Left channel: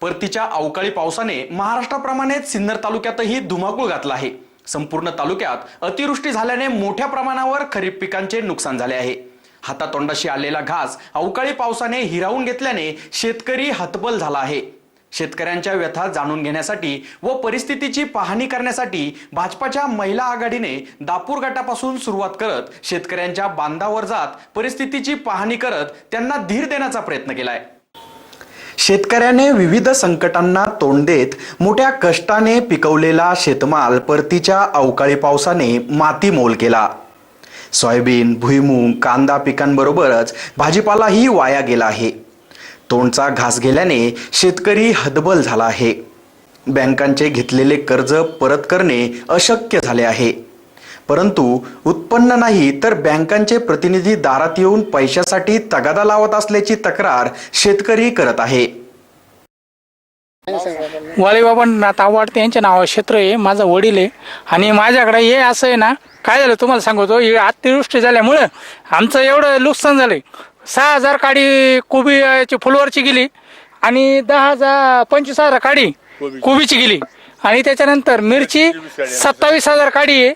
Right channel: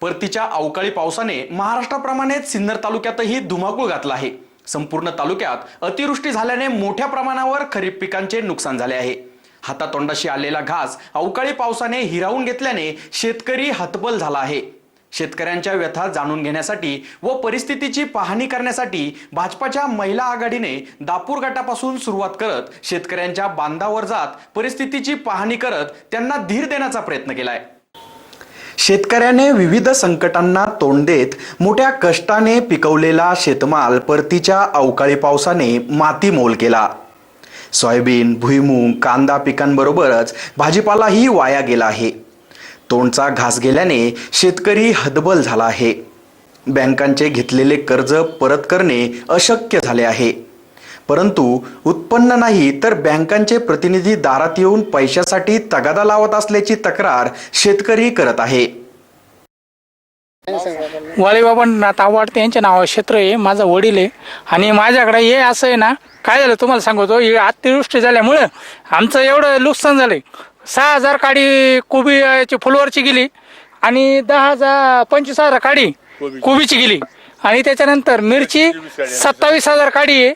परतीच्या अवकाळी पावसाने महाराष्ट्राप्रमाणेच सिन्नर तालुक्यातही धुमाकूळ घातला आहे. संपूर्ण तालुक्यात अतिवृष्टी झाल्याने मोठ्या प्रमाणावर खरीप पिकांचे नुकसान झाले आहे. हातातोंडाशी आलेला घास अवकाळी पावसाने हिरावून घेतल्याने शेतकरी हतबल झाला आहे. शेतकऱ्यांच्या व्यथा जाणून घेण्यासाठी व परिस्थितीची पाहणी करण्यासाठी भाजपाच्या महिला आघाडीने दापूर गटापासून सुरुवात करत शेतकऱ्यांच्या बांधावर जात परिस्थितीची पाहणी करत त्यांना धीर देण्याचा प्रयत्न केलाय. शेतकऱ्याने विविध संकटांना तोंड देत मोठ्या कष्टाने पिकवलेला शेतमाल परतीच्या अवकाळी पावसाने मातीमोल केला. सोयाबीन भुईमूग कांदा पिकांबरोबरच भाजीपालाही वाया गेला आहे. तोंडचा घास गेल्याने शेतकरी हदबल झाला आहे. बँकांचे घेतलेले कर्ज परत करणे अशक्य झाले आहे. परंतु उत्पन्न नाही तर बँकांचे प्रतिनिधी दारात येऊन पैशासाठी तगादा लावत असल्याची तक्रार शेतकरी करत आहे. वालीबाबांना आवडते यांच्या नावावर क्षेत्र आहे माझा वडील आहे. आणि माझ्याकडे हे असं आहे ना काय झालं तुम्हाला सांगतो हे अतिवृष्टी झाल्यामुळं आमचं एवढं नुकसान झालंय. सहा हजार काडी कोबी याची फुलवरची गेली आणि दहा हजार पंचवीस हजार काडी कोबीची गेली. आणि त्याच्यानंतर मिरची सत्तावीस हजार काडी आहे.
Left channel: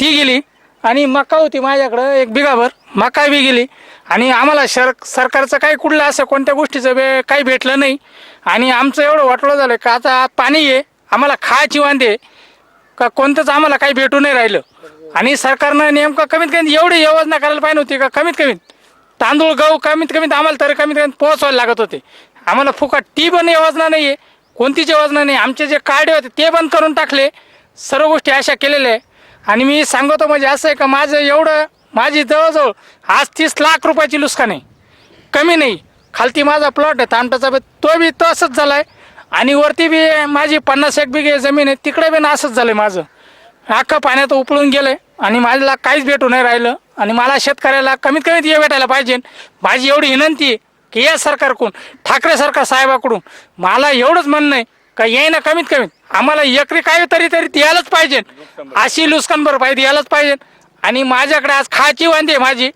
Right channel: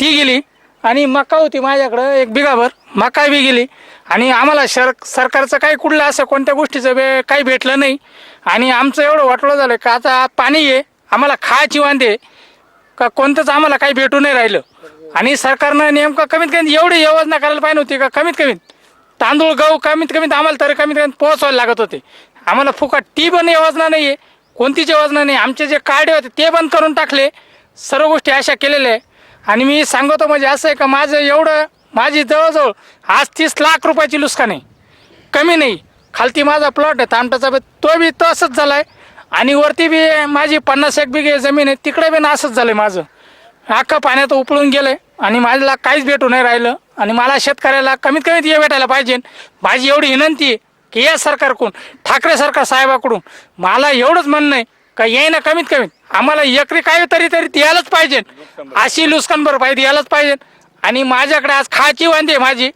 ती गेली आणि मका होती माझ्याकडं एक बिघाभर मका बी गेली. आणि आम्हाला शर सरकारचं काही कुठलं असं कोणत्या गोष्टीचं बे काही भेटलं नाही. आणि आमचं एवढं वाटलं झालं का आता पाणी आहे आम्हाला खायची वांदे का कोणतंच आम्हाला काही भेटू नाही राहिलं. आणि सरकारनं नेमकं कमीत कमी एवढी योजना करायला पाहिजे होती का? कमीत कमी तांदूळ गहू कमीत कमीत आम्हाला तरी कमीत कमी पोहोचवायला लागत होते. आम्हाला फुकट ती पण योजना नाही आहे कोणतीच योजना नाही. आमचे जे कार्ड होते ते बंद करून टाकले. सर्व गोष्टी अशा केलेल्या आहे. आणि मी सांगतो म्हणजे असं आहे का माझं एवढं माझी जवळजवळ आज तीस लाख रुपयाची नुकसान आहे. कमी नाही. खालती माझा प्लॉट आहे तामटाचा बी तो बी तसंच आहे आणि वरती बी माझी पन्नास एक बिघे जमीन आहे तिकडे बी असंच झालं आहे माझं. अख्खं पाण्यात उपळून गेलं आहे आणि माझ्याला काहीच भेटू नाही राहिलं. आणि मला शेतकऱ्याला कमीत कमीत हे भेटायला पाहिजे. माझी एवढी विनंती आहे की या सरकारकडून ठाकरे सरकार साहेबाकडून मला एवढंच म्हणणं आहे का येईना कमीत कमी. आम्हाला एकरी काय तरी तरी द्यायलाच पाहिजे. अशी नुकसान भरपाई द्यायलाच पाहिजे. आणि माझ्याकडे आज खायची वांदी आहे माझी.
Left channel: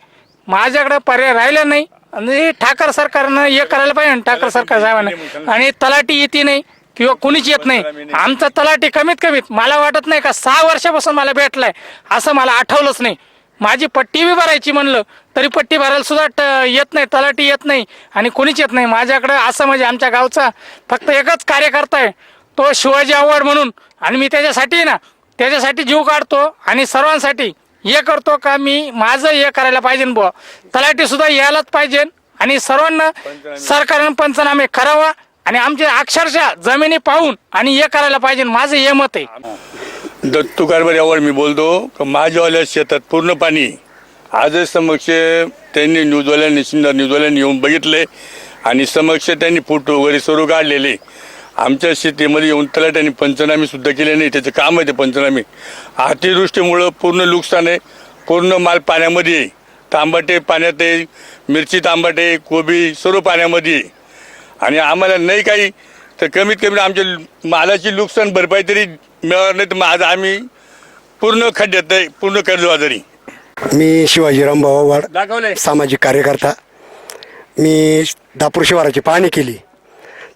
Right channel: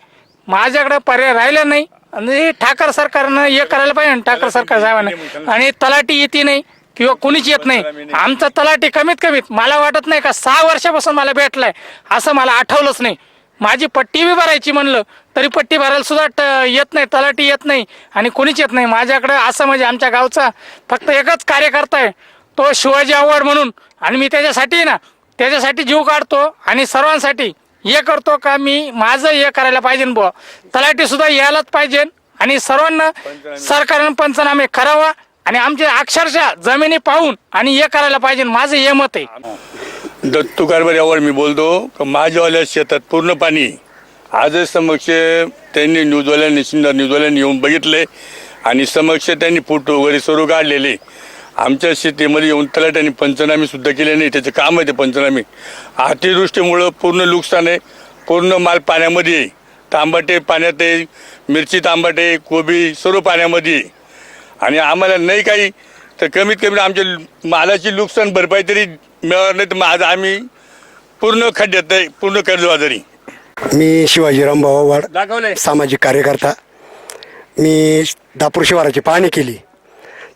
माझ्याकडे पर्याय राहिला नाही. आणि ठाकर सरकारनं हे करायला पाहिजे ठाकर सरकार साहेबांना. आणि तलाठी येते नाही किंवा कुणीच येत नाही. आमचा तलाठी कमीत कमीत मला वाटत नाही का सहा वर्षापासून मला भेटलाय. असं मला आठवलंच नाही. माझी पट्टी बी भरायची म्हणलं तरी पट्टी भरायला सुद्धा येत नाही तलाठी येत नाही आणि कोणीच येत नाही. माझ्याकडे असं म्हणजे आमच्या गावचा फक्त एकच कार्यकर्ता आहे. तो शिवाजी आव्हाड म्हणून. आणि मी त्याच्यासाठी ना त्याच्यासाठी जीव काढतो आणि सर्वांसाठी हे करतो का मी माझं हे करायला पाहिजे बुवा. तलाठी सुद्धा यायलाच पाहिजे आणि सर्वांना सरकारनं पंचनामे करावा आणि आमचे अक्षरशः जमिनी पाहून आणि हे करायला पाहिजे माझं हे मत आहे. दत्तू कारभार मी बोलतो माझ्यावाल्या शेतात पूर्ण पाणी आजच समक्ष त्यांनी न्यूजवाल्यांनी सिन्नर न्यूजवाल्यांनी येऊन बघितले आणि समक्ष त्यांनी फोटो वगैरे सुरू काढलेले. आमच्या शेतीमध्ये येऊन तलाट्यांनी पंचनामे सुद्धा केले नाही त्याचं काम आहे ते पंचनामे. अतिवृष्टीमुळं पूर्ण नुकसान आहे पूर्ण माल पाण्यामध्ये आहे. तांबाटे पाण्यात आहे मिरची तांबाटे कोबी सर्व पाण्यामध्ये आहे. आणि आम्हाला नाही काही तर कमीत कमी आमच्या मालाची नुकसान भरपाई तरी मिळणार नाही तर मग आज आम्ही पूर्ण खड्ड्यात आहे पूर्ण कर्जबाजारी मी शिवाजीराम भावावाड सामाजिक कार्यकर्ता. मी दापूर शिवाराची पाहणी केली.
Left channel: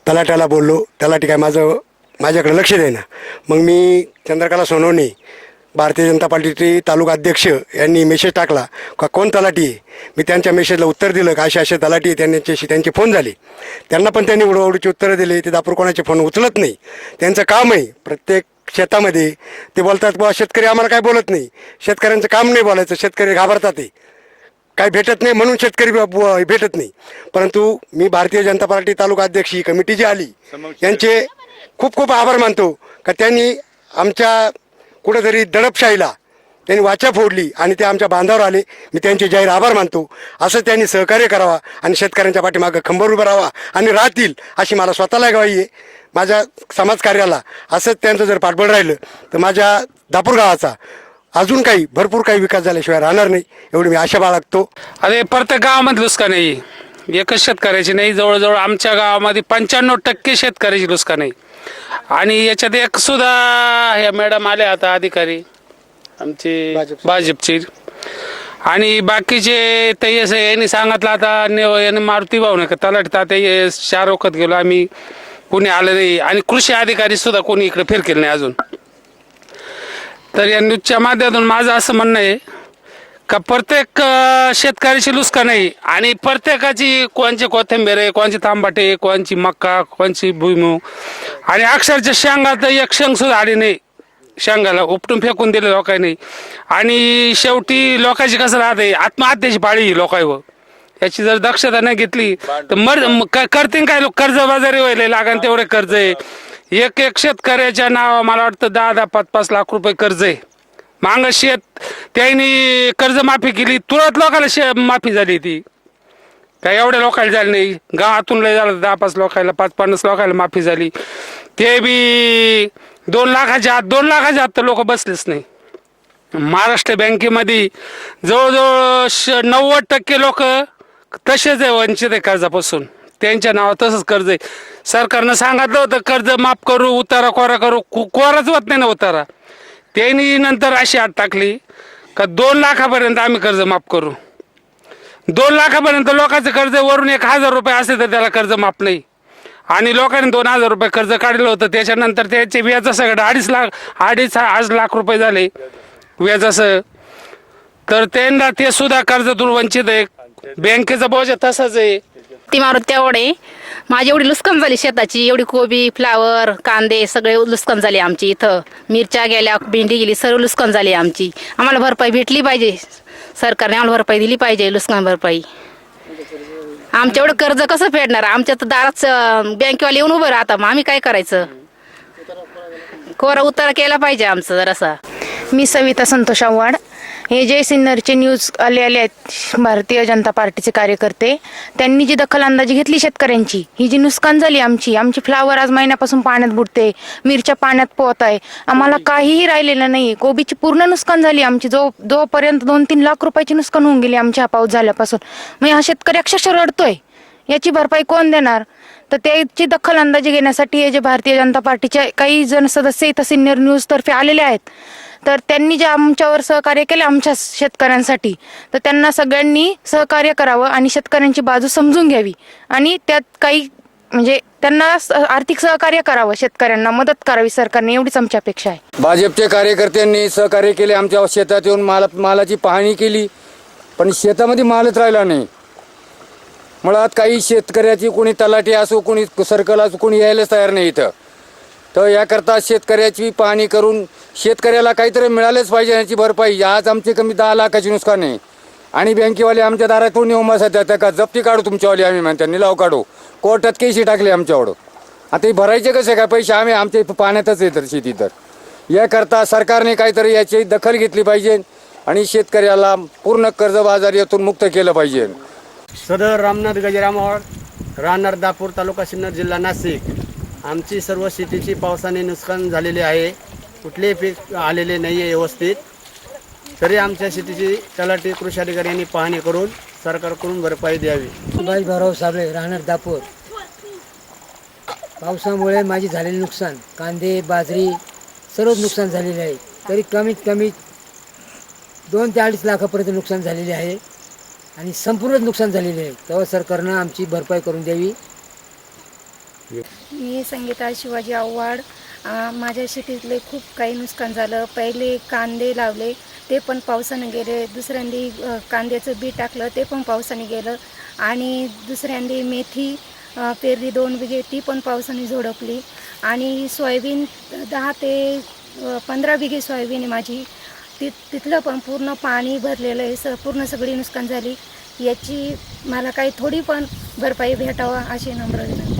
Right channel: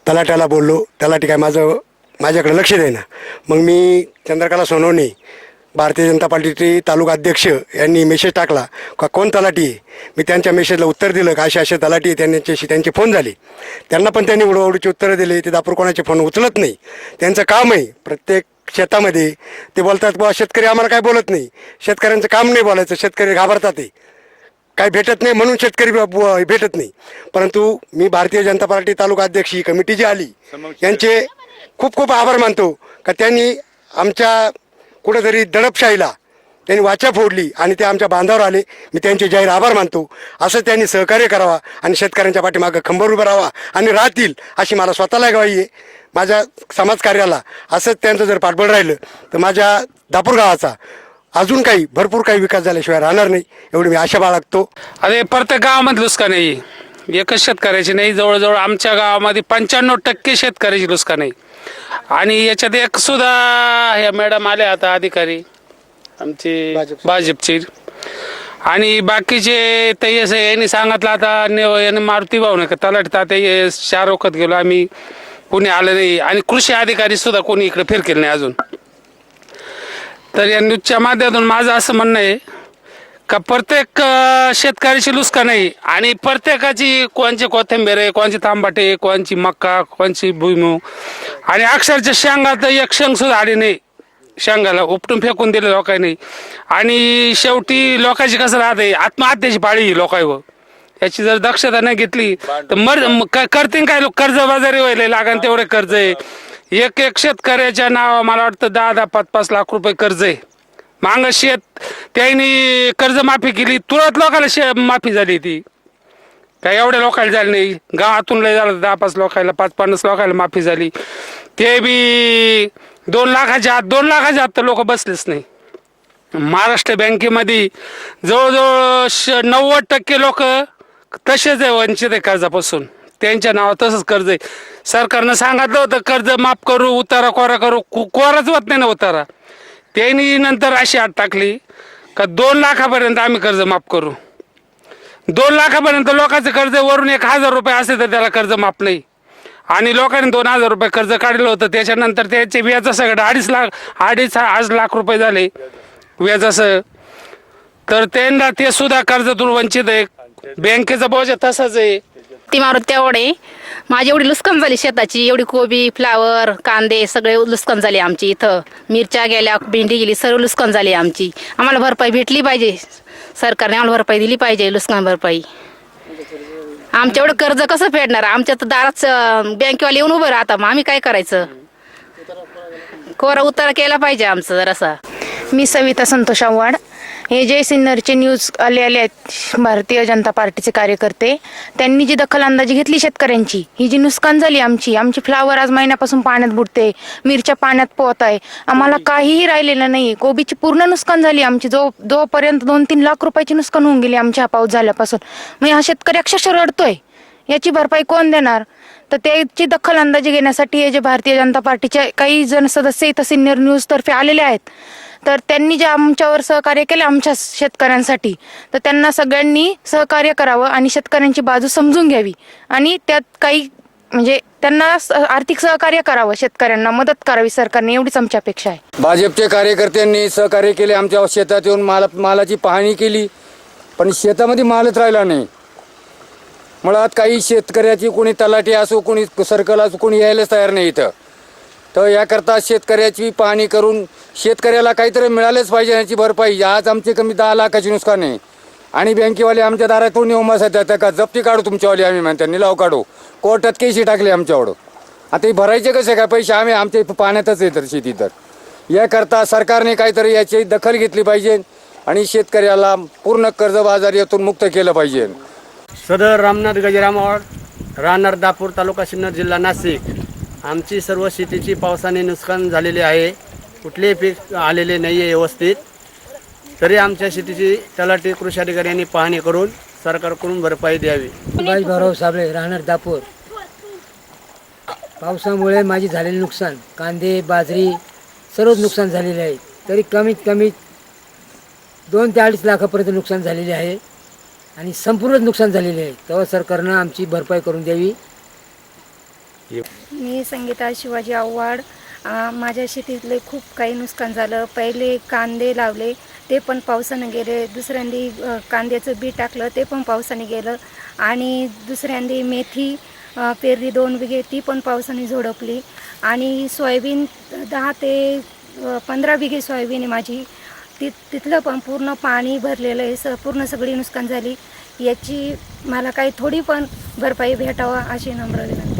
तलाट्याला बोललो. तलाटी काय माझं माझ्याकडे लक्ष देईना. मग मी चंद्रकला सोनवणे भारतीय जनता पार्टीचे तालुका अध्यक्ष यांनी मेसेज टाकला का कोण तलाठी आहे? मी त्यांच्या मेसेजला उत्तर दिलं का असे असे तलाटी आहे त्यांच्याशी त्यांचे फोन झाले. त्यांना पण त्यांनी उडवाउडीची उत्तरं दिले. ते दापूर कोणाचे फोन उचलत नाही. त्यांचं काम आहे प्रत्येक शेतामध्ये. ते बोलतात बुवा शेतकरी आम्हाला काय बोलत नाही? शेतकऱ्यांचं काम नाही बोलायचं. शेतकरी घाबरतात ते काही भेटत नाही म्हणून शेतकरी भेटत नाही. परंतु मी भारतीय जनता पार्टी तालुका अध्यक्ष ही कमिटी जी आली यांचे खूप खूप आभार मानतो. का त्यांनी आमच्या कुठेतरी दडपशाहीला त्यांनी वाचा फोडली आणि ते आमच्या बांधावर आले. मी त्यांचे जाहीर आभार मानतो. असं त्यांनी सहकार्य करावा आणि शेतकऱ्यांच्या पाठीमागं खंबर उभं राहावा आणि राहतील अशी मला स्वतःला ग्वाही आहे. माझ्या समाजकार्याला असंच त्यांचं जर पाठबळ राहिलं तर माझ्या दापूर गावाचा अजून काही भरपूर काही विकास झाल्याशिवाय राहणार नाही एवढी मी आशा बाळगतो. अरे प्रत्येक गावामध्ये नुसकान आहे एकच शेतकऱ्याची नाही जवळजवळ आमच्या गावामध्ये पंच्याण्णव टक्के शेतकऱ्याची नुसकान आहे आणि याच्यात एक सुद्धा ह्या मॅडम आल्या आता अधिकारी आमचे भाजपचे. आणि बाकीचे ते असं यांनी सांगितलं आता ने- याने मारुती भाऊ नाही का तलाठी तात्या हे चार वखत गेलो आम्ही कोणी आलं नाही. आणि कृषी अधिकारी सुद्धा कोणी इकडे फिरकेल नाही अजून. तर या न्यूजच्या माध्यमातून माझं असं म्हणणं आहे का प्रत्येक शेतकऱ्याची लुस्का नाही आणि प्रत्येकाची कोणची कोथिंबीर आहे कोणची तांबाटे कोणची मक्का कोणची भुईमूग. आणि अक्षरच्या शेंगा तर एक शेंग सुद्धा आली नाही. शेंगाला उपटून फेकून दिले लोकांनी. आणि शेवटी लोकांची कसं राहते आत्महत्येची पाळी लोकांवर. याची जर दक्षता नाही घेतली तर मर करतील काय लोक? कर्जबाजारी व्हायला लागण तेवढे कर्ज आहे. एक एक शेतकऱ्याच्या नाव मला वाटतं दहा दहा पाच पाच लाख रुपये कर्ज आहे. मांग शेत त्यांनी कर्जमाफी केली तुरंत लोकांना शे माफी झाली ती. काय एवढ्या लोकांना झाली नाही. गावातून लय झालं दहा पाच लोकांना पाच पन्नास लोकांना माफी झाली. ते बी दोन लाखाच्या आत दोन लाखाच्या आत तर लोक बसलेच नाही. महाराष्ट्र बँकेमध्ये जवळजवळ श- नव्वद टक्के लोक तसेच आहे वंचित आहे कर्जापासून. त्यांच्या नावावर तसंच कर्ज आहे. सरकारनं सांगितलं होतं कर्ज माफ करू उतारा कोरा करू कु कोराच होत नाही ना उतारा. त्यांनी नंतर अशी आत टाकली का दोन लाखापर्यंत आम्ही कर्ज माफ करू. दोन लाखापर्यंत लोकांचं कर्ज वरून एक हजार रुपये असेल तर त्याला कर्ज माफ नाही. आणि लोकांनी दोन हजार रुपये कर्ज काढलं होतं त्याच्यानंतर त्याचे व्याज सगळं अडीच लाख अडीच आज लाख रुपये झाले व्याजाचं तर त्यांना ते सुद्धा कर्जातून वंचित आहे. बँकेचा बोजा तसाच आहे. ती मारुत तेवढे माझी एवढी लुस्कान झाली शेताची एवढी कोबी फ्लावर कांदे सगळे लुस्कान झाले आमची इथं. मिरच्या गेल्या भेंडी गेली सर्व लुस्कान झाली आमची. आम्हाला भरपाई भेटली पाहिजे. सरकारने आम्हाला भरपाई दिली पाहिजे लुस्कान भरपाई. आमच्या एवढं कर्ज कसं फेडणार? आमच्या तर दाराच बँकेवाले येऊन उभं राहता मग आम्ही काय करायचं? कोरा उतारा केला पाहिजे आमचं जरासा. मी सविता संतोष आव्हाड. हे जे सिन्नरचे न्यूज आले आले आहेत भारतीय जनता पार्टीचे कार्यकर्ते त्यांनी जी दखल अंदाजी घेतली शेतकऱ्यांची ही जी नुकसान झाली आमची आमची फ्लावर आज महिन्यापासून पाण्यात बुडते मिरच्या पाण्यात पोहत आहे आम्हाला काहीही राहिलेलं नाही कोबीची पूर्ण नुकसान झाली आमची जो जोपर्यंत दोन तीन लाख रुपयाची नुकसान होऊन गेली आमच्या हा पाऊस झाल्यापासून. मग हा शेतकरी अक्षरशः रडतोय याची भरपाई कोण देणार? तर त्याची दखल अंदाजी घेण्यासाठी हे जे भारतीय जनता पार्टीचे काही जण सदस्य इथं सिनियर न्यूज तर्फे आलेले आहेत. तर त्यांनी जे आमच्यावर सहकार्य केले आमच्या शेतकऱ्यांसाठी तर त्यांना सगळ्यांनी सहकार्य करावं आणि शेतकऱ्यांची बाजू समजून घ्यावी आणि त्यात काही म्हणजे त्यांना आर्थिक सहकार्य करावं शेतकऱ्यांना मदत करावी सरकारने एवढीच आमची अपेक्षा आहे. भाजपचे कार्यकर्त्यांनी सहकार्य केले आमच्या शेतात येऊन माला मालाची पाहणी केली पण शेतामध्ये मालच राहिला नाही. मुळात काही शेतकऱ्याची कोणी तलाठी असो कोणी सर्कल असो कोणी यायलाच तयार नाही इथं. तर याकरता शेतकऱ्याची पाहणी करून शेतकऱ्याला काहीतरी मिळालंच पाहिजे याची भरपाई आज आमचे कमी दहा लाखाची नुकसान आहे. आणि बँकेवाले आमच्या दारातून येऊन बसतात त्या का जप्ती काढू तुमच्यावाली आम्ही म्हणतात निलाव काढू. कोर्टात केशी टाकले आमच्यावर. आता हे भरायचे कसे काय पैसे आम्ही आमच्या पाण्यातच आहे तर शेती तर. याकरता सरकारने काहीतरी याची दखल घेतली पाहिजे आणि शेतकऱ्याला पूर्ण कर्जबाजारीतून मुक्त केलं पाहिजे. सदर रामनाथ गजरामवाड राहणार दापूर तालुका सिन्नर जिल्हा नाशिक. आमची सर्व शेतीची पावसाने नुकसान झालेले आहे. कुठलेही पीक आलेले नाही आहे व्यवस्थित. तरी आमच्या शेतीची तलाठी कृषी अधिकाऱ्यांनी पाहणी करून सरकारकडून भरपाई द्यावी. सुभाष भाऊराव साबळे राहणार दापोर. पावसामुळे माझी झालेले नुकसान कांदे बाजरी सर्वच नुकसान झालेले आहे. तरी कमीत कमी दोन ते अडीच लाखापर्यंत नुकसान झालेले आहे. आणि संपूर्णच नुकसान झालेले आहे. तेव्हा सरकारनं आमची भरपाई करून द्यावी. मी संगीता शिवाजी आव्हाड. माझ्या शेतीतले खूप काही नुकसान झालं. पहिले कांदे लावले ते पण पावसानं गेले. दुसऱ्यांदी कांद्याचं बी टाकलं ते पण पावसाने गेलं. आणि दुसऱ्यांदी मेथी पेरली दोन बिघे ती पण पावसाने झोडपली. आणि सोयाबीन दहा ते पंधरा बिघे सोयाबीन आहे माझी. ति तिथलं पण पूर्ण पाणी भरलेलं आहे. स पूर्ण सगळी नुकसान झाली. याची मला काही थोडी पण भरपाई भेटावा अशी नम्र विनंती.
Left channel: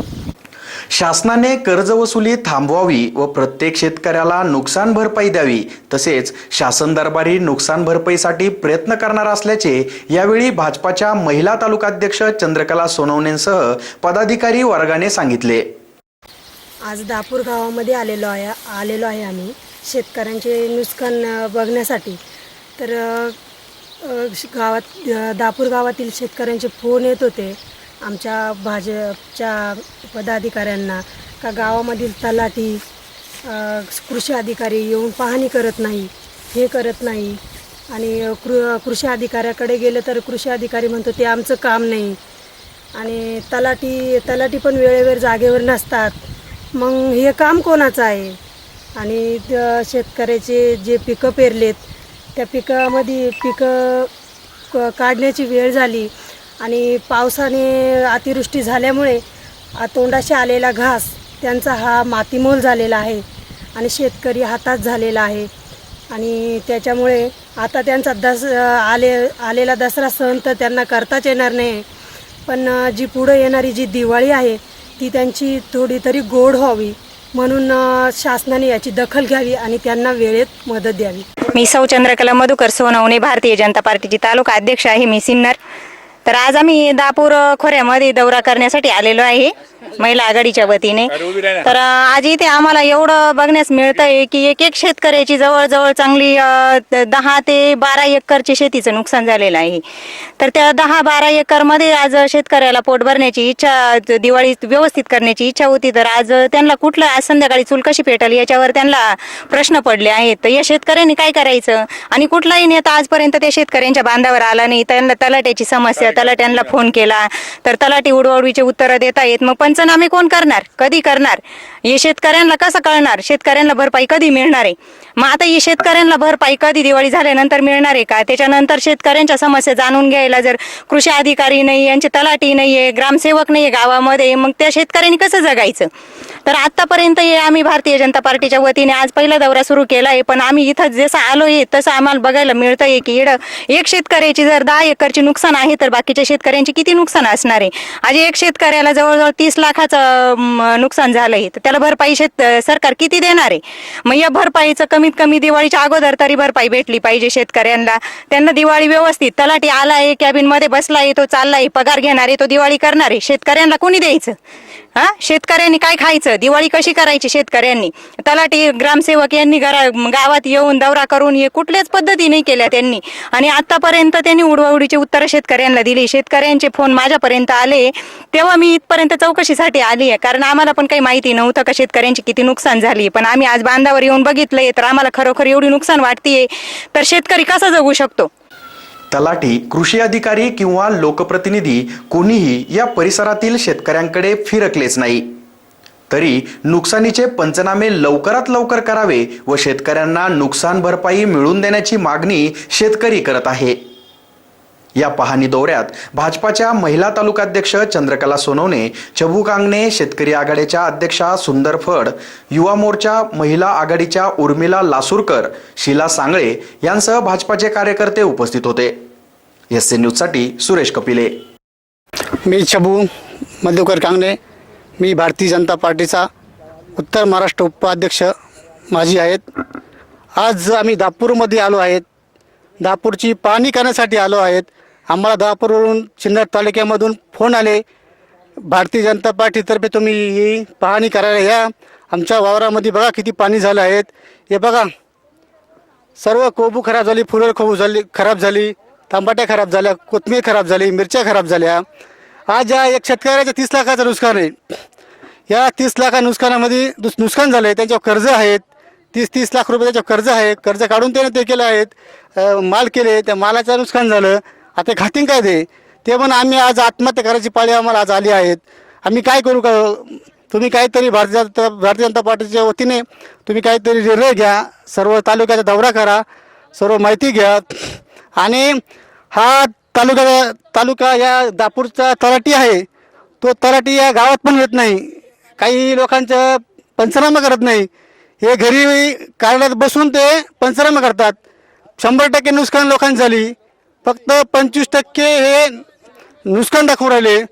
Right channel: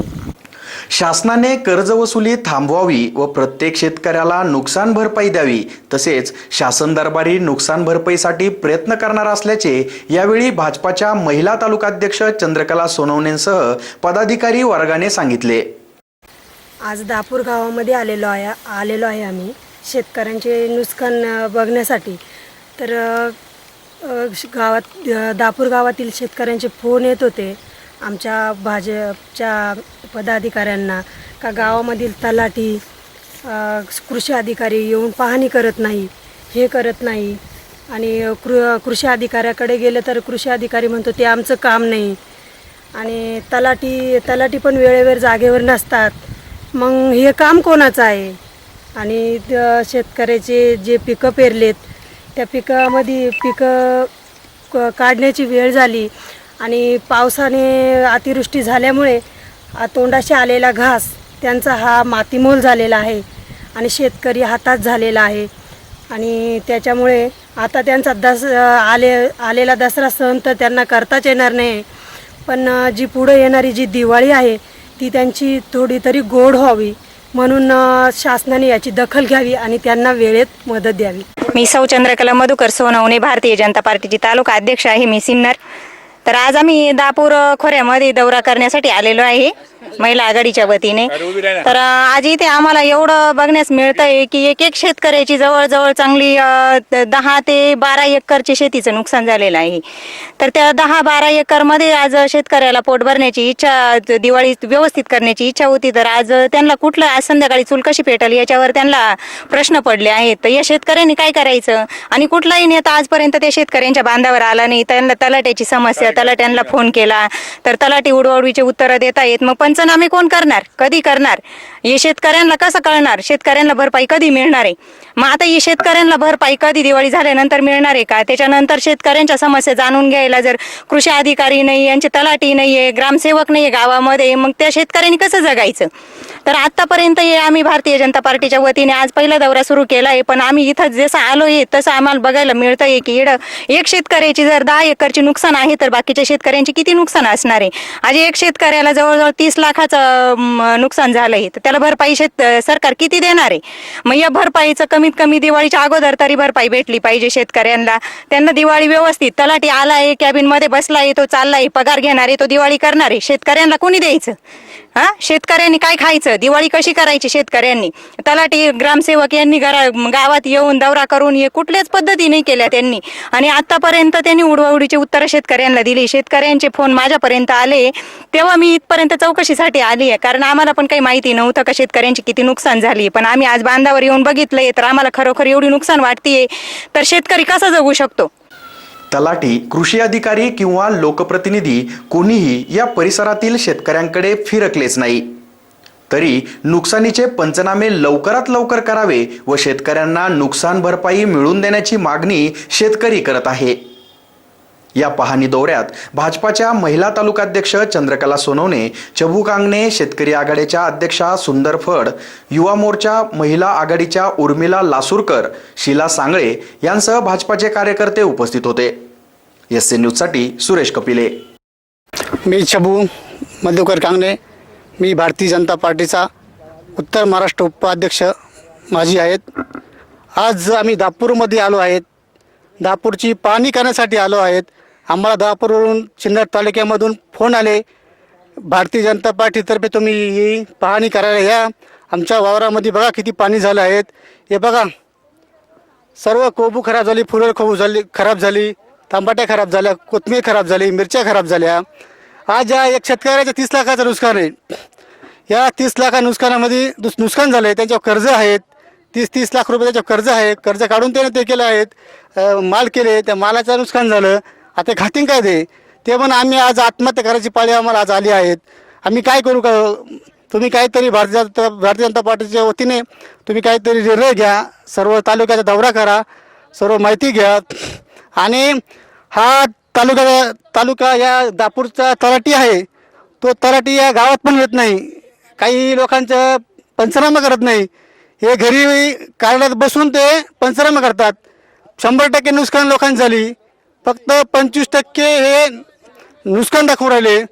शासनाने कर्जवसुली थांबवावी व प्रत्येक शेतकऱ्याला नुकसान भरपाई द्यावी तसेच शासन दरबारी नुकसान भरपाईसाठी प्रयत्न करणार असल्याचे यावेळी भाजपाच्या महिला तालुकाध्यक्ष चंद्रकला सोनवणेंसह पदाधिकारी वर्गाने सांगितले. आज दापूर गावामध्ये आलेलो आहे आलेलो आहे आम्ही. शेतकऱ्यांचे नुकसान बघण्यासाठी. तर गावात दापूर गावातील शेतकऱ्यांचे फोन येत होते. आमच्या भाजपच्या पदाधिकाऱ्यांना का गावामधील तलाठी कृषी अधिकारी येऊन पाहणी करत नाही हे करत नाही. आणि कृ कृषी अधिकाऱ्याकडे गेलं तर कृषी अधिकारी म्हणतो ते आमचं काम नाही. आणि तलाठी तलाठी पण वेळेवर जागेवर नसतात. मग हे काम कोणाचं आहे? आणि शेतकऱ्याचे जे पिकं पेरलेत त्या पिकामध्ये पिकं क- काढण्याची वेळ झाली. आणि पावसाने अतिवृष्टी झाल्यामुळे तोंडाशी आलेला घास त्यांचा हा मातीमोल झालेला आहे आणि शेतकरी हातात झालेला आहे. आणि त्याच्यामुळे आता त्यांचा दस आले आलेला दसरा सण तर त्यांना करताच येणार नाही. पण जी पुढं येणारी जी दिवाळी आहे ती त्यांची थोडी तरी गोड व्हावी म्हणून शासनाने याची दखल घ्यावी आणि त्यांना वेळेत मदत द्यावी. मी सौ चंद्रकला मधुकर सोनवणे भारतीय जनता पार्टीची तालुका अध्यक्ष आहे मी सिन्नर. तर आज आम्ही दापूर खोऱ्यामध्ये दौरा करण्यासाठी आलेलो आहे महिला आघाडीच्या वतीने. तर आज इथे आम्हाला एवढं बघण्यास मिळतंय की एक एक शेतकऱ्याची जवळजवळ चांगली दहा ते बारा एकरचे शेतीचं नुकसान झालेलं आहे. तर त्या दहा बारा एकरमध्ये आज शेतकऱ्याला पोट भरण्याची इच्छा दिवाळी व्यवस्थित करण्याची इच्छा होती. तर आज त्यांना कुठलं आज संध्याकाळी चूल कशी पेटल याच्यावर त्यांना प्रश्न पडले आहेत. तर या शेतकऱ्यांनी काय करायचं? आणि कुठलाही नेता आजपर्यंत त्या शेतकऱ्यांच्या बांधावर आला नाही. त्यांना तलाट्याची समस्या तलाट्यांना फोन केला. तर तलाठी उडवडवीचे उत्तरं देता येत. मग पंचनामे कोण करणार? कधी करणार? हे शेतकऱ्यांना कसं कळणार? शेतकऱ्यांना भरपाई कधी मिळणार आहे? मग आता ही शेतकऱ्यांना भरपाई कधी दिवाळी झाल्यानंतर मिळणार आहे का? त्याच्यानंतर शेतकऱ्यांच्या समस्या जाणून घ्यायला जर कृषी अधिकारी नाही यांचे तलाठी नाहीये ग्रामसेवक नाहीये गावामध्ये मग त्या शेतकऱ्यांनी कसं जगायचं? तर आतापर्यंत हे आम्ही भारतीय जनता पार्टीच्या वतीने आज पहिला दौरा सुरू केला आहे. पण आम्ही इथं जसं आलो आहे तसं आम्हाला बघायला मिळतं आहे की इड एक शेतकऱ्याची जर दहा एकरची नुकसान आहे तर बाकीच्या शेतकऱ्यांची किती नुकसान असणार आहे? आज एक शेतकऱ्याला जवळजवळ तीस लाखाचं नुकसान नुकसान झालंय. तर त्याला भरपाई शेत सरकार किती देणार आहे? मग या भरपाईचं कमीत कमी दिवाळीच्या अगोदर तरी भरपाई भेटली पाहिजे शेतकऱ्यांना. त्यांना दिवाळी व्यवस्थित तलाठी आला आहे कॅबिनमध्ये बसला आहे तो चाललाय पगार घेणार आहे तो दिवाळी करणार. आहे शेतकऱ्यांना कोणी द्यायचं? हा? शेतकऱ्यांनी काय खायचं? दिवाळी कशी करायची शेतकऱ्यांनी? तलाठी ग्रामसेवक यांनी घरा गावात येऊन दौरा करून हे कुठल्याच पद्धती नाही केल्या त्यांनी. आणि आतापर्यंत त्यांनी उडवाउडीची उत्तरं शेतकऱ्यांना दिली. शेतकऱ्यांचे फोन माझ्यापर्यंत आले. तेव्हा मी इथपर्यंत चौकशीसाठी आली आहे. कारण आम्हाला पण काही माहिती नव्हतं का शेतकऱ्यांची किती नुकसान झाली. पण आम्ही आज बांधावर येऊन बघितलंय. तर आम्हाला खरोखर एवढी नुकसान वाटतेय. तर शेतकरी कसा जगू शकतो? तलाठी कृषी अधिकारी किंवा लोकप्रतिनिधी कोणीही या परिसरातील शेतकऱ्यांकडे फिरकलेच नाही. तरी नुकसानीचे पंचनामे लवकरात लवकर करावे व शेतकऱ्यांना नुकसान भरपाई मिळवून देण्याची मागणी शेतकरी करत आहे. या पाहणी दौऱ्यात भाजपाच्या महिला तालुकाध्यक्ष चंद्रकला सोनवणे चबू कांगणे शेतकरी आघाडीच्या अध्यक्षा सुंदर फड युवा मोर्चा महिला आघाडीच्या उर्मिला लासूरकर शीला सांगळे यांसह भाजपाचे कार्यकर्ते उपस्थित होते. एस एन न्यूजसाठी सुरेश कपिले. मी छबू मधुकर कांगणे. मी भारतीय जनता पार्टीचा उत्तर महाराष्ट्र उपाध्यक्ष माझी आहेत. आज आम्ही दापूरमध्ये आलो आहेत. दापूरची पाहणी करण्यासाठी आलो आहेत. आम्हाला दापूरवरून चिन्नर तालुक्यामधून फोन आले. भारतीय जनता पार्टीतर्फे तुम्ही ही पाहणी करायला या. आमच्या वावरामध्ये बघा किती पाणी झालं आहेत. हे बघा. सर्व कोबू खराब झाली फुलं खोबू झाली खराब झाली. तंबाट्या खराब झाल्या कोथमीर खराब झाली मिरच्या खराब झाल्या. आज या एक शेतकऱ्याच्या तीस लाखाचं नुकसान आहे. या तीस लाखा नुकसानामध्ये दुस नुकसान झालं आहे त्यांच्यावर कर्ज आहेत. तीस तीस लाख रुपये त्याच्यावर कर्ज आहे कर्ज काढून त्याने ते केलं आहेत. माल केले त्या मालाचं नुकसान झालं. आता खातीन काय ते? ते पण आम्ही आज आत्महत्या करायची पाळी आम्हाला आज आली आहेत. आम्ही काय करू का? तुम्ही काहीतरी भारतीय जनता भारतीय जनता पार्टीच्या वतीने तुम्ही काहीतरी निर्णय घ्या. सर्व तालुक्याचा दौरा करा. सर्व माहिती घ्या. आणि हा तालुका तालुका या दापूरचा तलाठी आहे. तो तलाठी या गावात पण येत नाही. काही लोकांचं पंचनामा करत नाही. हे घरी कार्यालयात बसून ते पंचनामा करतात. शंभर टक्के नुकसान लोकांनी झाली. फक्त पंचवीस टक्के हे नुकसान दाखवून राहिले.